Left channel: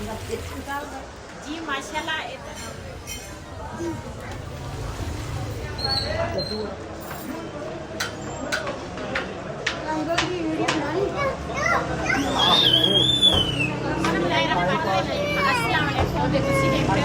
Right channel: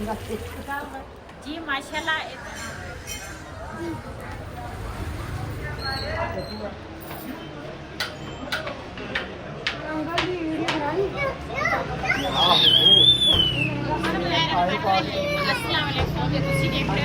जी माशाल्लाह।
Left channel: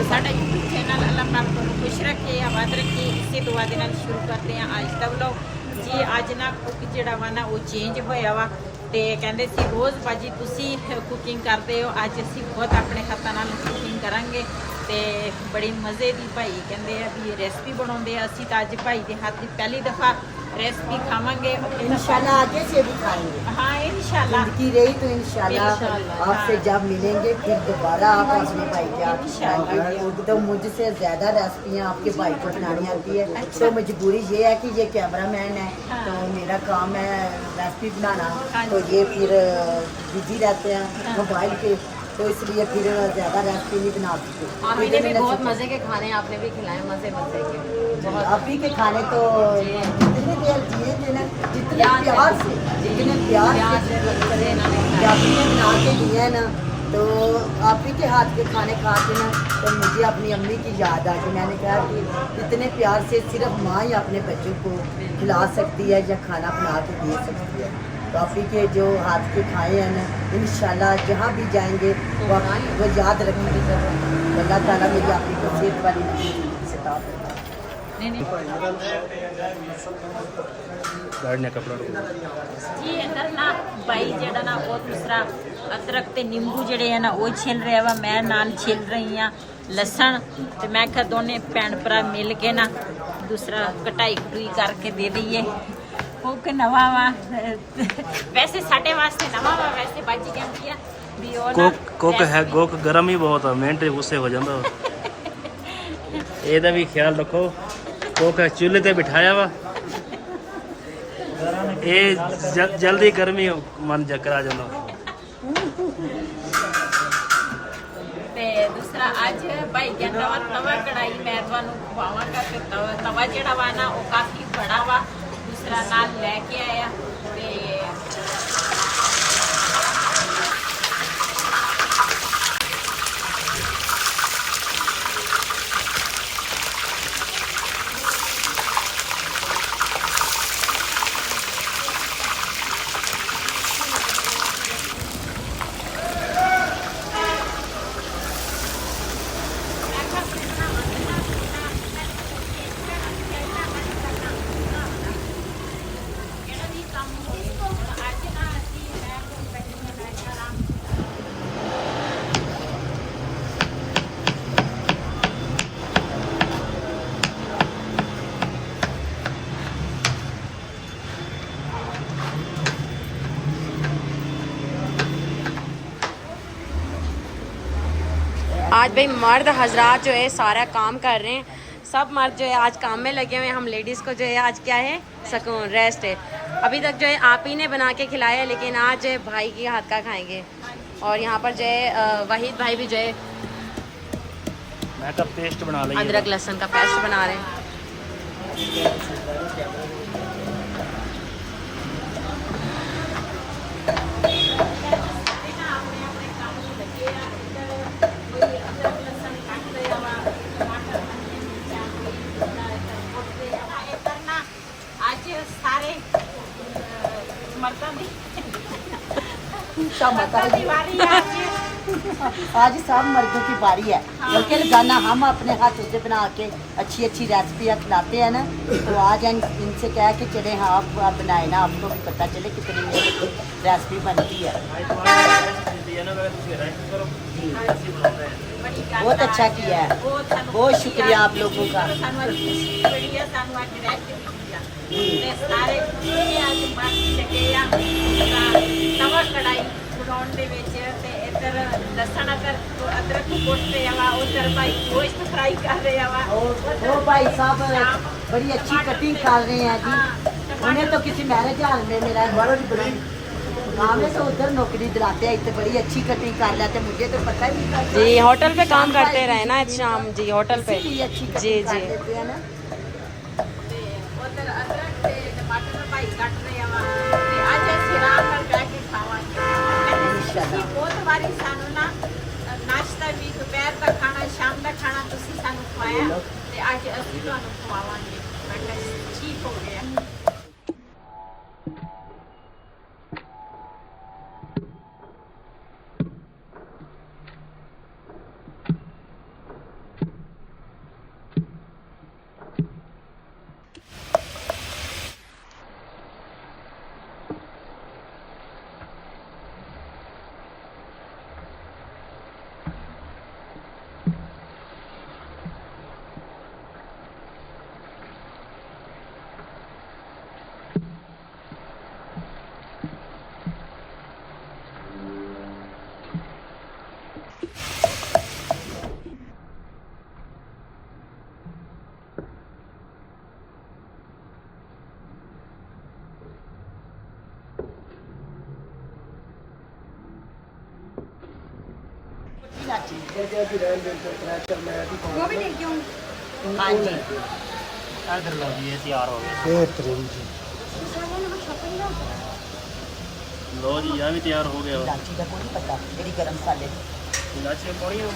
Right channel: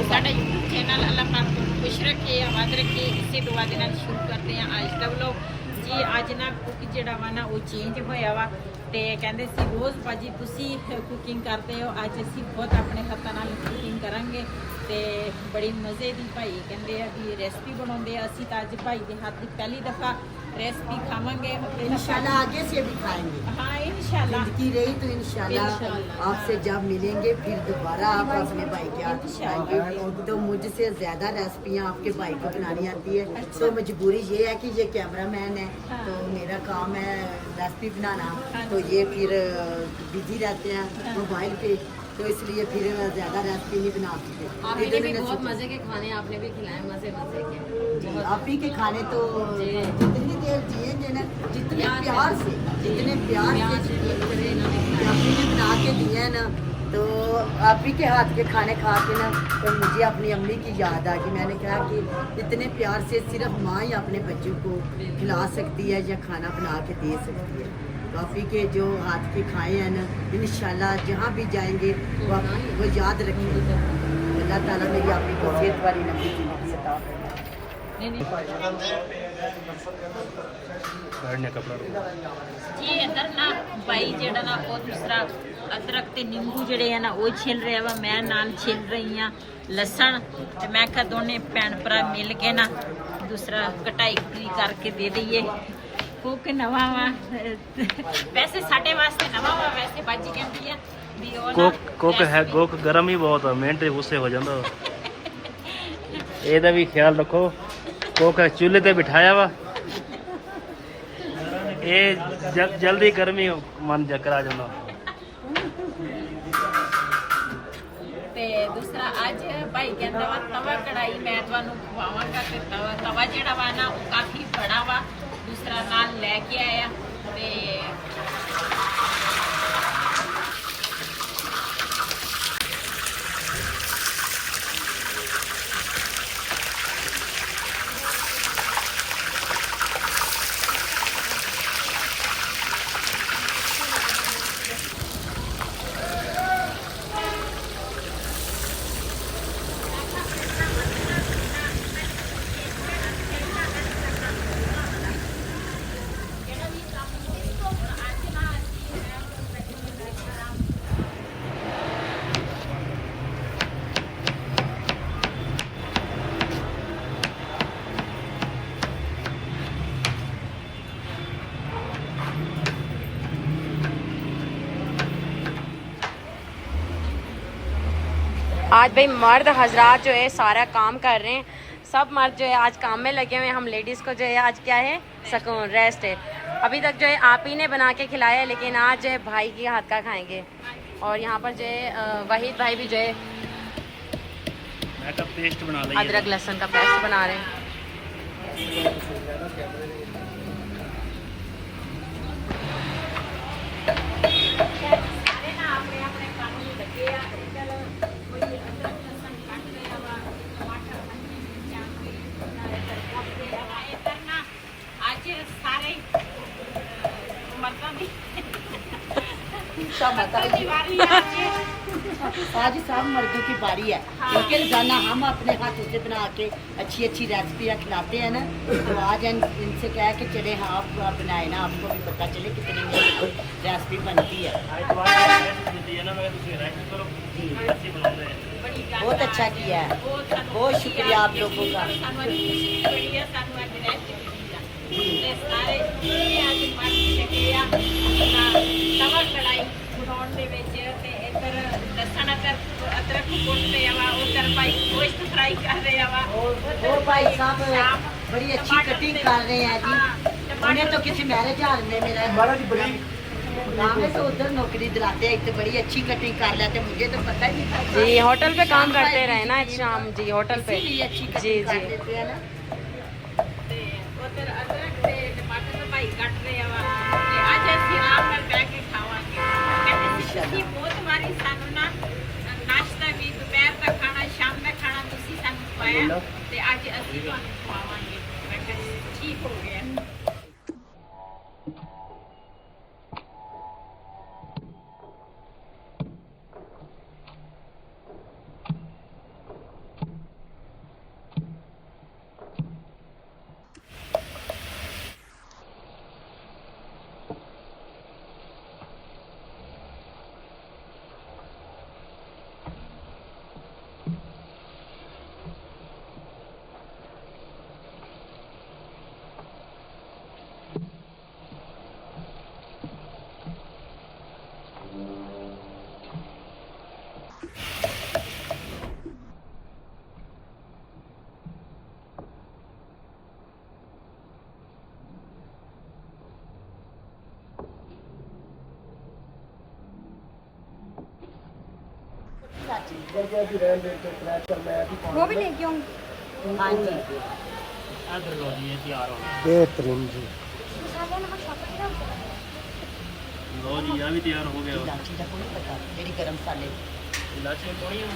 साडा YouTube channel अल्लाह पाक तुहानू खुश रखे, आबाद रखे, इसे दुआ दे नाल शुरू करते हैं अज दा व्लॉग जी। अज ना कुक जिहड़ा वा ना वो चेंज होया वा ते कहंदे सी रोज़ भाजी तुसी कुकिंग करते हो, अज असीं खुद अपने हत्थां नाल कुकिंग करांगे ते बड़ी मज़े दी भाई कहंदे आ भी रेसिपी बनाउंदे आ। असीं तां अज भाई दे हाथ दी पहली दफ़ा रेसिपी खावांगे इंशाल्लाह, आगे से भी खाएंगे। हाँ इंशाल्लाह, जिंदगी रही तो इंशाल्लाह आपसे जब मिलेंगे फिर दोबारा आप अपने भाई के हाथ खाएंगे। तो मुझसे ज़्यादा रेसिपियाँ आपके भाई को बनानी आती है। तो मजबूरी ये है कि ये कैमरामैन है तो मेरा काम है रेसिपी बनाना, तो ये फिर बिजी रहते हैं मोबाइल के, तो इसलिए फिर ज़्यादा रेसिपी नहीं बना सकते। आपने भी बहुत मज़े के खाने आपने भी खिलाए, मज़े मज़े के। आप ही के खाने तो जितने देर जिए थे ना, जितने प्यार से बना के दिए हैं ना, तो आप ही के हाथ के खाने खा के ना तो मुझे अपनी अम्मी की याद आ गई। मैंने कहा कि इतने प्यार से सिर्फ माँ ही अपने बच्चों को खिला सकती है या खाना बना के दे सकती है। तो आप ही के जो हाथ के खाए हैं ना, इंशाल्लाह जहाँ भी जाएंगे वो याद रखेंगे। अल्लाह ताला मेरी आप ही को सेहत वाली सता फरमाए। कपड़ा जी इधर ना भाई जेड़ा ना वो दूसरा अदरक ते नींबू जेड़े है ना वो छिल रहा वा, मैं नाल छिल रही हाँ लसन। तो मैं क्या दोने भैन भरा मिल के ना दूसरा कटाई कटुई करके दे दईए। कुक नवा वा वैसे साडे वास्ते नवा वा, वैसे बच जाती है भी ओ कुक है कुक गरम ही बहुत है, मिनट गुस्से हो जाता। ਇਹਦਾ ਵੀ ਖਿਆਲ ਰੱਖੋ। ਕੁੱਕ ਚੁੱਲ੍ਹੇ ਤੇ ਬਿਠਾਇਆ ਵਾ, ਇਹ ਜਲਦੀ ਗਰਮੀ ਮਨ ਚੱਕਰ ਆ ਜਾਂਦਾ। ਤੇ ਦੂਸਰਾ ਅੱਜ ਭਾਈ ਕਹਿੰਦਾ ਵਾ ਤਵਾ ਕੜਾਈ ਮੈਂ ਤੁਹਾਨੂੰ ਖਵਾਵਾਂਗਾ ਤੇ ਤਵਾ ਜਿਹੜਾ ਵਾ ਨਾ ਉਹ ਕਾਫੀ ਬੜਾ ਵਾ, ਦੂਸਰਾ ਨਾਲ ਲੈ ਕੇ ਆਇਆ ਤੇ आज भाई मर्द हजरात जो है सारा काम कर रहे हैं, सब मर्द जो है आज काम में लगे हुए हैं। हम लेडीज़ को जो है आज क्या है सुकून रेस्ट है। अभी तक जो है आप ही ने बना के खिलाया, लेकिन आज जो है भाई के हाथ का खाएंगे। और यहाँ पर जो है वहीद भाई भी जो है मैं का पेस्ट बना लिया, अदरक लहसुन का पेस्ट बना रहे हैं। आज सब मर्दों की बारी है, क्योंकि रोजाना हम अपने हाथों से बना के अच्छी अच्छी रेसिपियाँ खिलाते हैं ना। तो आज इनसे कह के चले हाँ आप बनाए ना, आपको भी पता चले कितनी रेसिपी बनती है। बहुत अच्छा किया है, बहुत शुक्रिया आप लोगों का। तवा कढ़ाई बनाने ਦੇ ਵਿੱਚ ਤੇ ਇੱਧਰ ਲਸਣ अदरक ਕੁੱਟ ਰਿਹਾ ਵਾ, ਉਧਰ ਭਾਈ ਗੋਸ਼ਤ ਫਰਾਈ कर ਰਿਹਾ ਵਾ, और भाई साहब बड़ी अच्छी कटिंग कर रहे हैं जी। उन्हें तो किसी मैरिज हाल में मेरा काम है, तो उधर नौकरी दिलाते हैं, तो बड़ी अच्छी कटिंग कर लेते। मुझे तो पता ही नहीं था जी होटल पे काम करते रहे ना शाम जी, होटल पे अच्छी जी कटिंग कर जी लेते हैं ना। उधर अदरक ते टमाटर भाई कट रहे वा ते आज ਅਸੀਂ ਆਰਾਮ ਨਾਲ ਬਹਿ ਕੇ ਖਾਵਾਂਗੇ। ਕਹਿੰਦੇ ਸੀ ਤੁਸੀਂ ਬਹੁਤ ਵਾਰੀ ਸਾਨੂੰ ਨਾ ਨਾਸ਼ਤਾ ਬਣਾਇਆ ਤੇ ਅੱਜ ਅਸੀਂ ਤੁਹਾਨੂੰ ਖਵਾਵਾਂਗੇ। ਮੈਂ ਕਿਹਾ ਠੀਕ ਹੋ ਗਿਆ। वो भी लेके आऊंगी। हाँ जी इधर लो जी, ये तैयार हो गया। बेहतरीन जी। लो जी, यहाँ भी तैयार हो गया। इलायची का कोई पता ਜਿਹੜੀ ਗਰਮ ਮਸਾਲੇ इलायची थोड़ी है।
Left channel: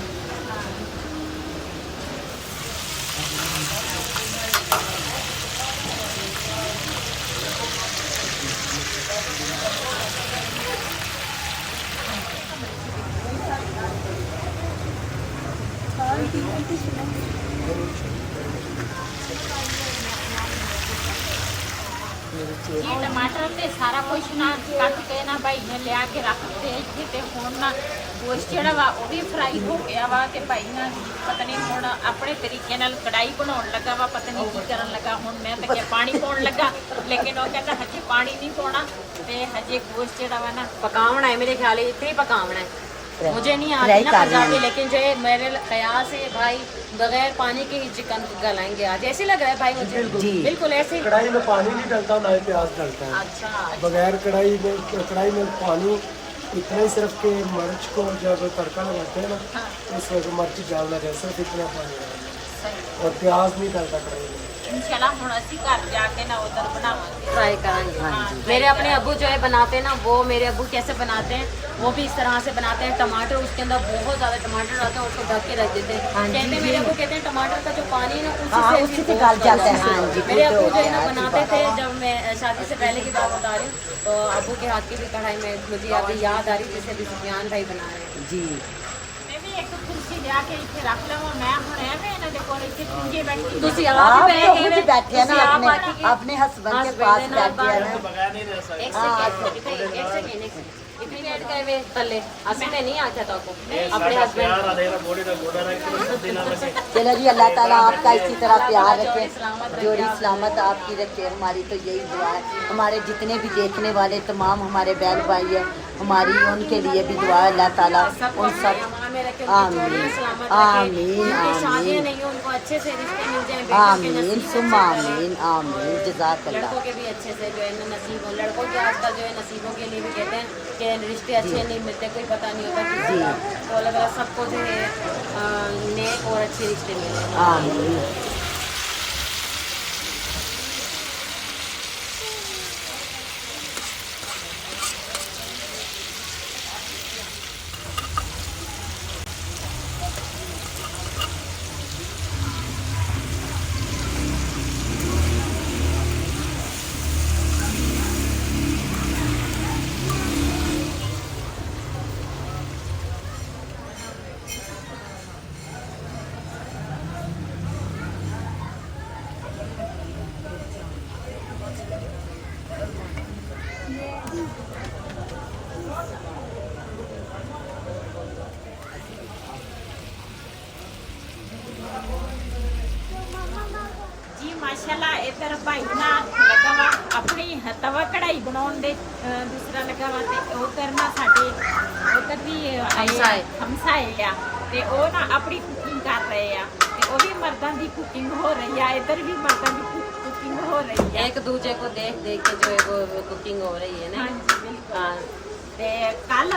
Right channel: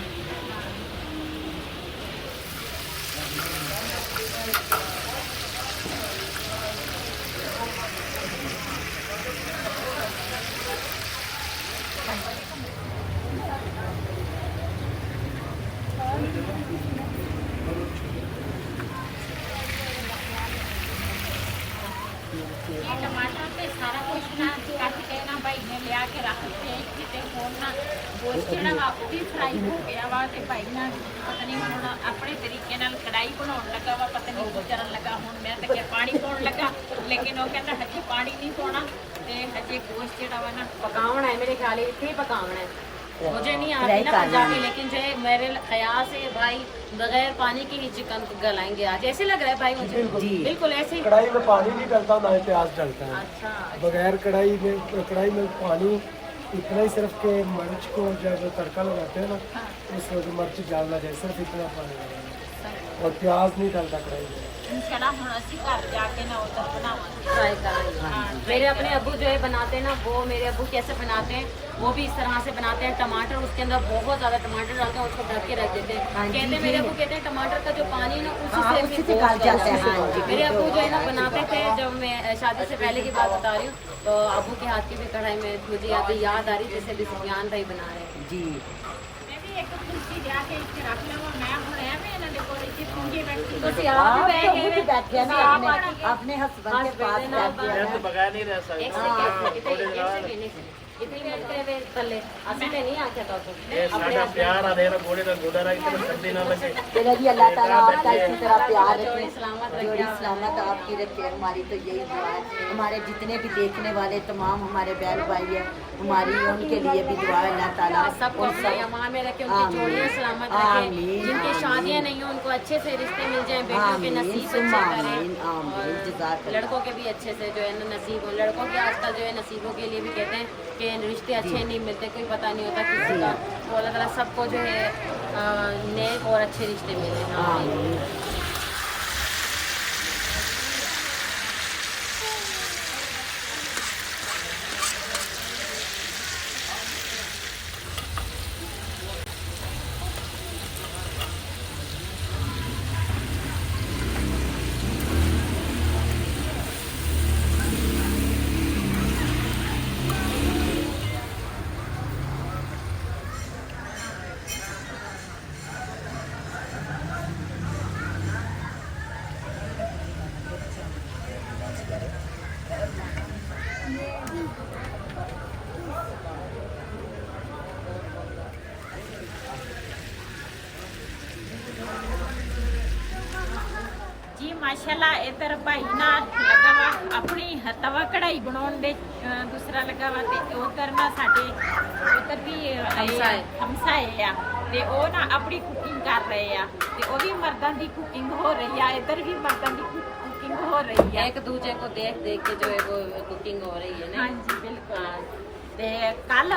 ये टमाटर ते सारा कुछ ना कट के ना भाई ने लिया के रख के इत्थे ते हुण ना गोश्त जेड़ा वा वो भी फ्राई हो गया वा ते भाई ना पता नहीं हुण अपने तरीके नाल कढ़ाई बनाउण लगा वा, पता नहीं की करन लगा। हुण मैं ते पानी पाउण लगा लेकिन वो कहंदा हजे पानी नहीं पाउणा ते हजे गोश्त जेड़ा वा ना पकावना है मेरे ख्याल इतने ही पकावना है। मुझे नहीं आती ना पंजाबी, लेकिन जो है मेरे ख्याल से भाई बगैर पानी के ही चिकन को गलाएंगे आज। ऐसे लग रहा है भाई मुझे बिल्कुल ऐसे ही। कढ़ाई में पानी नहीं डलता, ना ही प्याज डलता है। अच्छा बगैर कढ़ाई में पानी इतना ही, सिर्फ के मिर्च को जब तड़का लगाते हैं ना इस वक्त मिर्च डालना है, सिर्फ इतना पानी डालना और प्याज नहीं डलता कढ़ाई में। इंशाल्लाह हुण असि घर जाके ना उधर बनावांगे, ट्राई करेंगे। मेरे अपने अब्बू जो है बनाते हैं ना, वो मेरे अब्बू कैसे बनाते हैं वो भी इस तरह से बनाते हैं। टमाटर उसके अंदर बहुत ज़्यादा टमाटर डालते हैं, उसको ढक के रख देते हैं। कहते हैं मेरे अब्बू कहते हैं टमाटर का जो पानी ना उसी से गल जाता है। मेरे अब्बू जो है ना बनाते थे, जब मैं शादी से पहले की बात बता रही हूँ, तो अब्बू के हाथ की भी कढ़ाई में मुझे अभी याद आ रही जैसे अभी सुफियान भाई बना रहे हैं जी। मैं भी एक कुर्सी लिया के इत्थे रख लवां। मैं हुण एवें इन्हां दे कोल इत्थे चुंगे बैठी ਤੁਸੀਂ आप आप भी बैठे बैठे हैं ना अपने हस्बैंड के पास बैठे हैं ना। बगैर नहीं रह सकते। एक सेकंड इतनी लेट गए वे तले असली में नहीं आख्या था आपको ये साडा प्यार आ देना गोड़े का गोड़ा रख के सर्दी ना लगे। चलो जी, अल्लाह ताला आपका इसी तरह प्यार रखे, सलामत रखे, जोड़ी सलामत आपकी रखे। हमारी तो यही दुआ है, हमारे जितने भी देखने वाले तमाम हमारे बहन भाई हैं, हमारी उनके लिए भी दुआ है। अल्लाह ताला सबको उन सब अमान में रखे, उनकी जोड़ियां सलामत रखे, आमीन, जिनकी शादियां आमीन। नहीं हो उनको अच्छे से रिश्ते मिल जाएं, बेटियों के आमीन नसीब सुम्मा अच्छे करें। आमीन आमीन जज़ाकल्लाह। लड़कों के भी अच्छे से जो है ना नसीब हो। लड़कों के आजकल जो है नसीबों के लिए भी कहते हैं कि रिश्ते अच्छे नहीं मिलते, कोई पता नहीं होता किसी का। तो अल्लाह ताला सबको जो है नेक और अच्छे रिश्ते मिले। आमीन। जी माशाल्लाह। इधर भाई ना लगा वा अपनी तवा कढ़ाई बनाउण दे, दूसरा लगा वा ते उधर ना साडे उधर भी आए हमसाए आ ते ओ ना अपनी कुकिंग कर रहे आ ते ओ भी मर्दां दी कुकिंग हो रही है, इधर भी मर्दां दी कुकिंग हो रही है। एक दूसरे को देख देख के जो है वो कुकिंग हो रही है ना। हाँ जी बिल्कुल। ਤੇ ਕੱਲ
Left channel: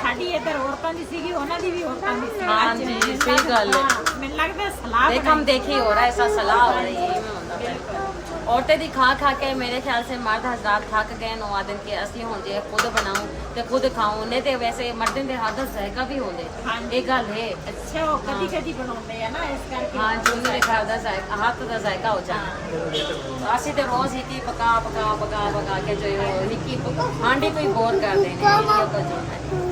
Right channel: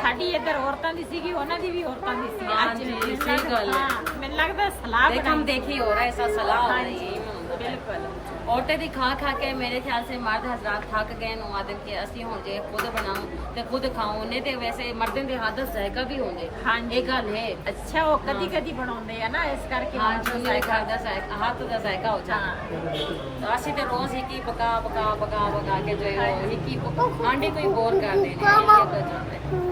ਸਾਡੀ ਇੱਧਰ ਔਰਤਾਂ ਦੀ ਸੀਗੀ, ਉਹਨਾਂ ਦੀ ਵੀ ਔਰਤਾਂ ਦੀ ਸੀ। हाँ ਅੱਜ जी, ਮੈਨੂੰ सही गल है। ਮੈਨੂੰ ਲੱਗਦਾ ਸਲਾਹ देख हम देखी हो रहा है ऐसा सलाह हो रही है। बिल्कुल। ਔਰਤਾਂ ਦੀ ਖਾ ਕੇ ਮੇਰੇ ਖਿਆਲ ਸੇ ਮਰਦ ਹਜ਼ਰਾਤ ਥੱਕ ਗਏ ਨੌਂ ਦਿਨ ਕੇ ਅਸੀਂ ਹੁਣ ਜੇ ਖੁਦ ਬਣਾਉ ਤੇ ਖੁਦ ਖਾਓ ਨੇ ਤੇ ਵੈਸੇ ਮਰਦਾਂ ਦੇ ਹੱਥ ਦਾ ਜ਼ਾਇਕਾ ਵੀ ਹੁੰਦੇ ਇਹ ਗੱਲ ਹੈ ਅੱਛਾ ਉਹ ਕਦੀ ਕਦੀ ਬਣਾਉਂਦੇ ਆ ਨਾ ਇਸ ਕਰਕੇ ਹਾਂ ਜੀ ਮੇਰੇ ਘਰ ਦਾ ਜ਼ਾਇਕਾ ਹੱਥ ਦਾ ਜ਼ਾਇਕਾ ਹੋ ਜਾਂਦਾ ਅਸੀਂ ਤੇ ਰੋਜ਼ ਹੀ ਪਕਾ ਕੇ ਜੋ ही हांडी कोई बोर कर देने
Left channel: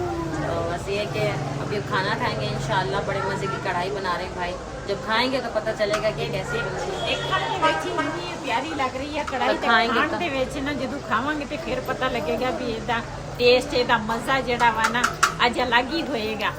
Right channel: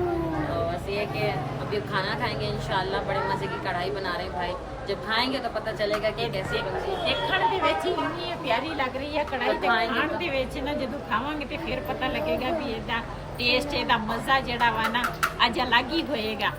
तो बस ये कि अभी खाना खाएंगे इंशाल्लाह बड़े मज़े की कढ़ाई बना रहे हैं भाई जब खाएंगे तो पता चलेगा कि कैसी बनती है ਦੇਖਣ ਦੇ ਵਿੱਚ ਇੰਨੀ ਪਿਆਰੀ ਲੱਗ ਰਹੀ ਹੈ ਕੜਾਈ ਤੇ ਖਾਣ ਦੇ ਵਿੱਚ ਨਾ ਜਦੋਂ ਖਾਵਾਂਗੇ ਤੇ ਫਿਰ ਪਤਾ ਲੱਗੇਗਾ ਵੀ ਇਹਦਾ ਟੇਸਟ ਇਹਦਾ ਮਜ਼ਾ ਜਿਹੜਾ ਵਾ ਨਾ ਅੱਜ ਅਲੱਗ ਹੀ ਹੋਏਗਾ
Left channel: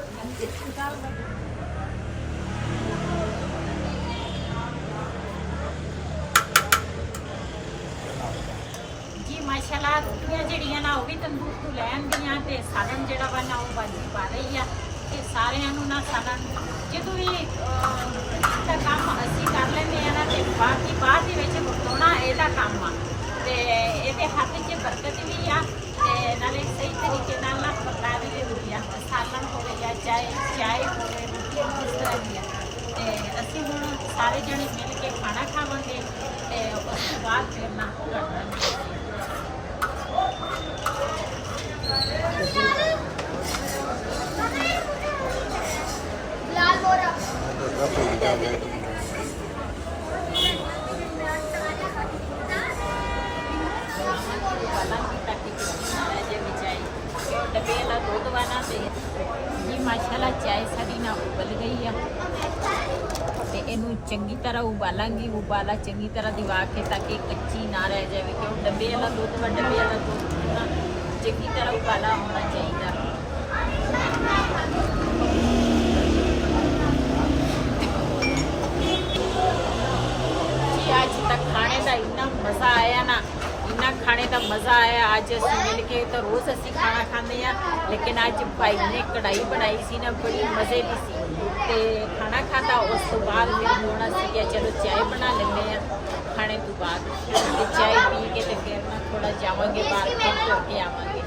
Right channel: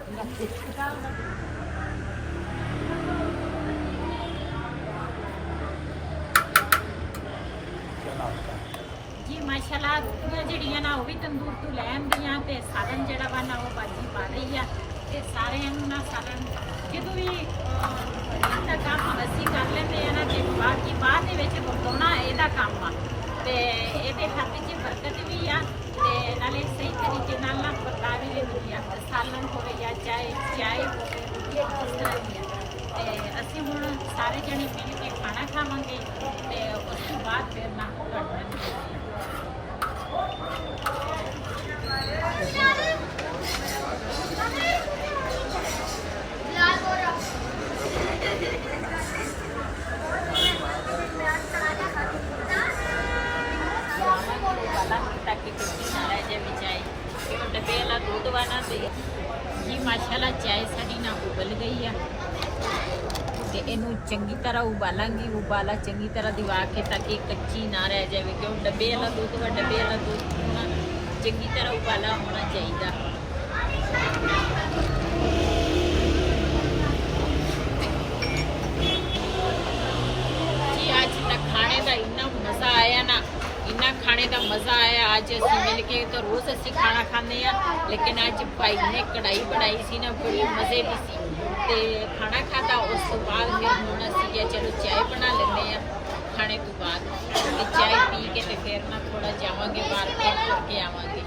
ਜੀ ਮਾਸ਼ਾਅੱਲਾ ਰੋਟੀਆਂ ਜਿਹੜੀਆਂ ਨਾ ਉਹ ਵੀ ਤੰਦੂਰ ਤੋਂ ਲੈ ਆਂਦੀਆਂ ਤੇ ਸਾਲਨ ਜਿਹੜਾ ਵਾ ਨਾ ਉਹ ਬਾਜੀ ਪਾ ਰਹੀ ਆ ਤੇ ਸਾਰਿਆਂ ਨੂੰ ਨਾ ਸਾਲਨ ਜਦੋਂ ਵੀ ਇਹਦਾ ਕੰਮ ਅਸੀਂ ਕਰ ਲੈਂਦੇ ਆ ਨਾ ਤੇ ਬਾਕੀ ਬਾਅਦ ਦੇ ਵਿੱਚ ਵਰਤਾਉਣਾ ਇਹਦਾ ਕੰਮ ਆ ਤੇ ਇਹਦੇ ਹੱਥ 'ਚ ਬਰਕਤ ਵੀ ਆ ਤੇ ਨਾਲੇ ਸਹੀ ਤਰੀਕੇ ਨਾਲ ਨਾ ਵਰਤਾਵੇ ਵੀ ਆ ਸਾਲਨ ਹੋਵੇ ਜਾਂ ਚਾਏ ਹੋਵੇ ਰੋਟੀ ਇਸ ਤਰ੍ਹਾਂ ਦੀ ਆ ਤੇ ਅਸੀਂ ਹੁਣ ਸਾਰੇ ਜਣੇ ਮਿਲ ਕੇ ਖਾਣਾ ਖਾਵਾਂਗੇ ਤੇ ਉਸ ਤੋਂ ਬਾਅਦ ਫਿਰ ਨਾ ਕਰਦੇ डब्बे वाला दूध वाला तो जी माशाल्लाह चाय साड़ी ना उबल गई है ਤੇ ਇਹਨੂੰ ਚੰਗੀ ਤਰ੍ਹਾਂ ਉਬਾਲਾਂਗੀ ਉਬਾਲਾ ਚੰਗੀ ਤਰ੍ਹਾਂ ਦਿਵਾ ਕੇ ਤਾਂ ਕਿ ਕੱਚੀ ਨਾ ਰਹਿ ਜਾਵੇ ਕਿਉਂ ਡੱਬੇ ਵਾਲਾ ਦੁੱਧ ਨਾ ਚੰਗੀ ਤਰ੍ਹਾਂ ਉਬਾਲਾ ਹੋਣਾ ਚਾਹੀਦਾ ਜੀ ਅੱਜ ਤੱਕ ਖਾਣੇ ਦਾ ਇੰਨਾ ਮਜ਼ਾ ਆਇਆ ਨਾ ਇੰਨਾ ਖਾਣੇ ਦਾ ਮਜ਼ਾ ਆਇਆ ਅੱਜ ਅਸੀਂ ਮਿਲ ਕੇ ਤਾਂ ਰੋਜ਼ ਅਸੀਂ ਖਾਣਾ ਖਾਂਦੇ ਆ ਲੇਕਿਨ ਅੱਜ ਭਾਈ ਨੇ ਕੜਾਈ ਬਣਾਈ ਸੀ ਨਾ ਬੜੀ ਮਜ਼ੇ ਦੀ ਸੀ ਤੇ ਖਾਣਾ ਖਾਦਾ ਉਸ ਤੋਂ ਬਾਅਦ ਫਿਰ ਹੁਣ ਅਸੀਂ ਕਿਹਾ ਚਲੋ ਚਾय ਬਣਾ ਲੈਂਦੇ ਆ ਖਾਣੇ ਤੋਂ ਬਾਅਦ ਤੇ ਚਾय ਪੀ ਕੇ ਤੇ ਫਿਰ ਨਾ ਥੋੜਾ ਜਾਵਾਂਗੇ ਬਾਹਰ ਫਿਰ ਤੁਰ ਕੇ ਆਵਾਂਗੇ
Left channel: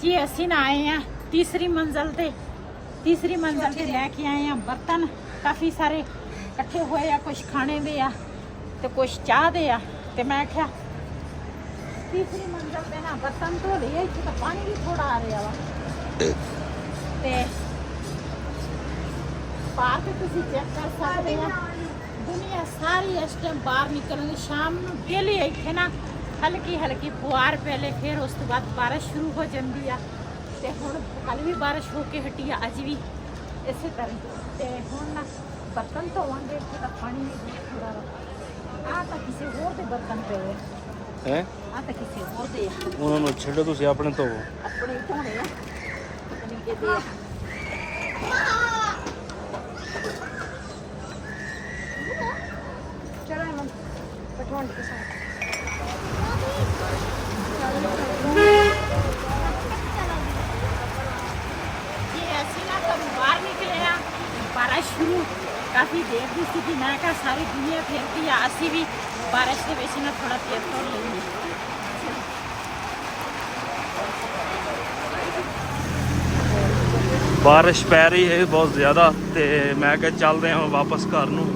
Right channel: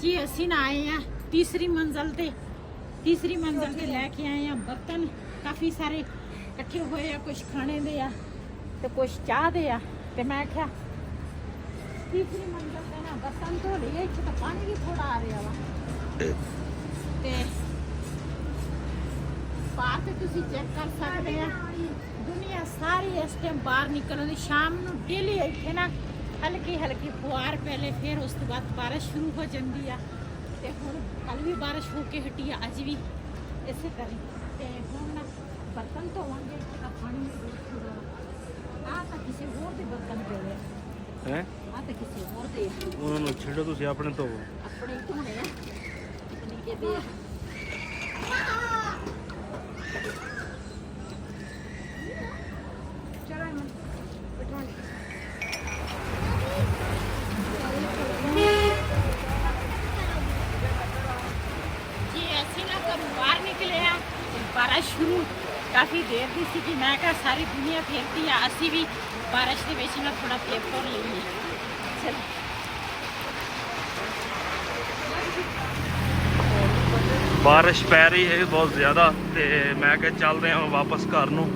जी ਅਸੀਂ ਨਾ ਆਏ ਆ ਤੀਸਰੀ ਮੰਜ਼ਲ ਤੇ ਲੈ ਕੇ ਆਏ ਆ ਬਰਤਨ ਕਾਫੀ ਸਾਰੇ ਇਕੱਠੇ ਹੋਏ ਆ ਕੁਝ ਖਾਣੇ ਦੇ ਆ ਤੇ ਕੁਝ ਚਾਹ ਦੇ ਆ ਤੇ ਮੈਂ ਕਿਹਾ ਤੀਸਰੀ ਮੰਜ਼ਲ ਤੇ ਨਾ ਬਰਤਨ ਧੋ ਲਏ ਇੱਥੇ ਤਾਂ ਪਾਣੀ ਵੀ ਥੋੜਾ ਆ ਰਿਹਾ ਵਾ ਤੇ ਬਾਹਰ ਤੇ ਤੁਸੀਂ ਚੈੱਕ ਕਰ ਸਕਦੇ ਆ ਦੁਨੀਆ ਸਾਰੀ ਇਸ ਟਾਈਮ ਬਾਹਰ ਨਿਕਲਣ ਸ਼ਾਮ ਨੂੰ ਡੇਲੀ ਇੱਥੇ ਨਾ ਹਲਕੀ ਫੁਆਰ ਪਹਿਲੇ ਫਿਰ ਉਸ ਤੋਂ ਬਾਅਦ ਬਾਰਿਸ਼ ਸ਼ੁਰੂ ਹੋ ਜਾਂਦੀ ਆ ਤੇ ਹੁਣ ਕੱਲ ਵੀ ਬਾਰਿਸ਼ ਹੋ ਕੇ ਹਟੀ ਆ ਅੱਜ ਵੀ ਇਸੇ ਤਰ੍ਹਾਂ ਤੇ ਹੁਣ ਨਾ ਬਰਤਨ ਧੋਵਾਂਗੇ ਕਿ ਤਾਂ ਪਾਣੀ ਵੀ ਥੋੜਾ ਆ ਤਾਂ ਕਿਸੇ ਹੋਰ ਦੇ ਬਰਤਨ ਪਏ ਹੈ ਆ ਤਾਂ ਕਿਸੇ ਹੋਰ ਦੇ ਉਹਨਾਂ ਨੂੰ ਛੱਡੋ ਤੁਸੀਂ ਆਪਣੇ ਧੋਵੋ ਆਪਣੇ ਧੋਣੇ ਆ ਪਤਾ ਨਹੀਂ ਕਿਹਦੇ ਆ ਚਲੋ ਪਟਵਾਣ ਕੇ ਸਾਥ ਬਾਹਰ ਨਿਕਲੇ ਆ ਬਾਰਿਸ਼ ਸ਼ੁਰੂ ਕਾਫੀ ਦੇਰ ਦੀ ਸੀ ਕਿ ਮੈਂ ਕਿਹਾ ਸਾਰੀ ਦੁਨੀਆ ਫੇਰਦੀ ਆ ਅਸੀਂ ਵੀ ਬਾਰਿਸ਼ ਦੇ ਵਿੱਚ ਨਾ ਥੋੜਾ ਫੇਰ ਤੋਰ ਲਈਏ ਬਾਰਿਸ਼ ਪੈ ਰਹੀ ਹੈ ਬਹੁਤ ਜ਼ਿਆਦਾ ਤੇ ਮੈਂ ਕਿਹਾ ਚੱਲਦੇ ਹਾਂ ਵਾਪਸ ਘਰ ਨੂੰ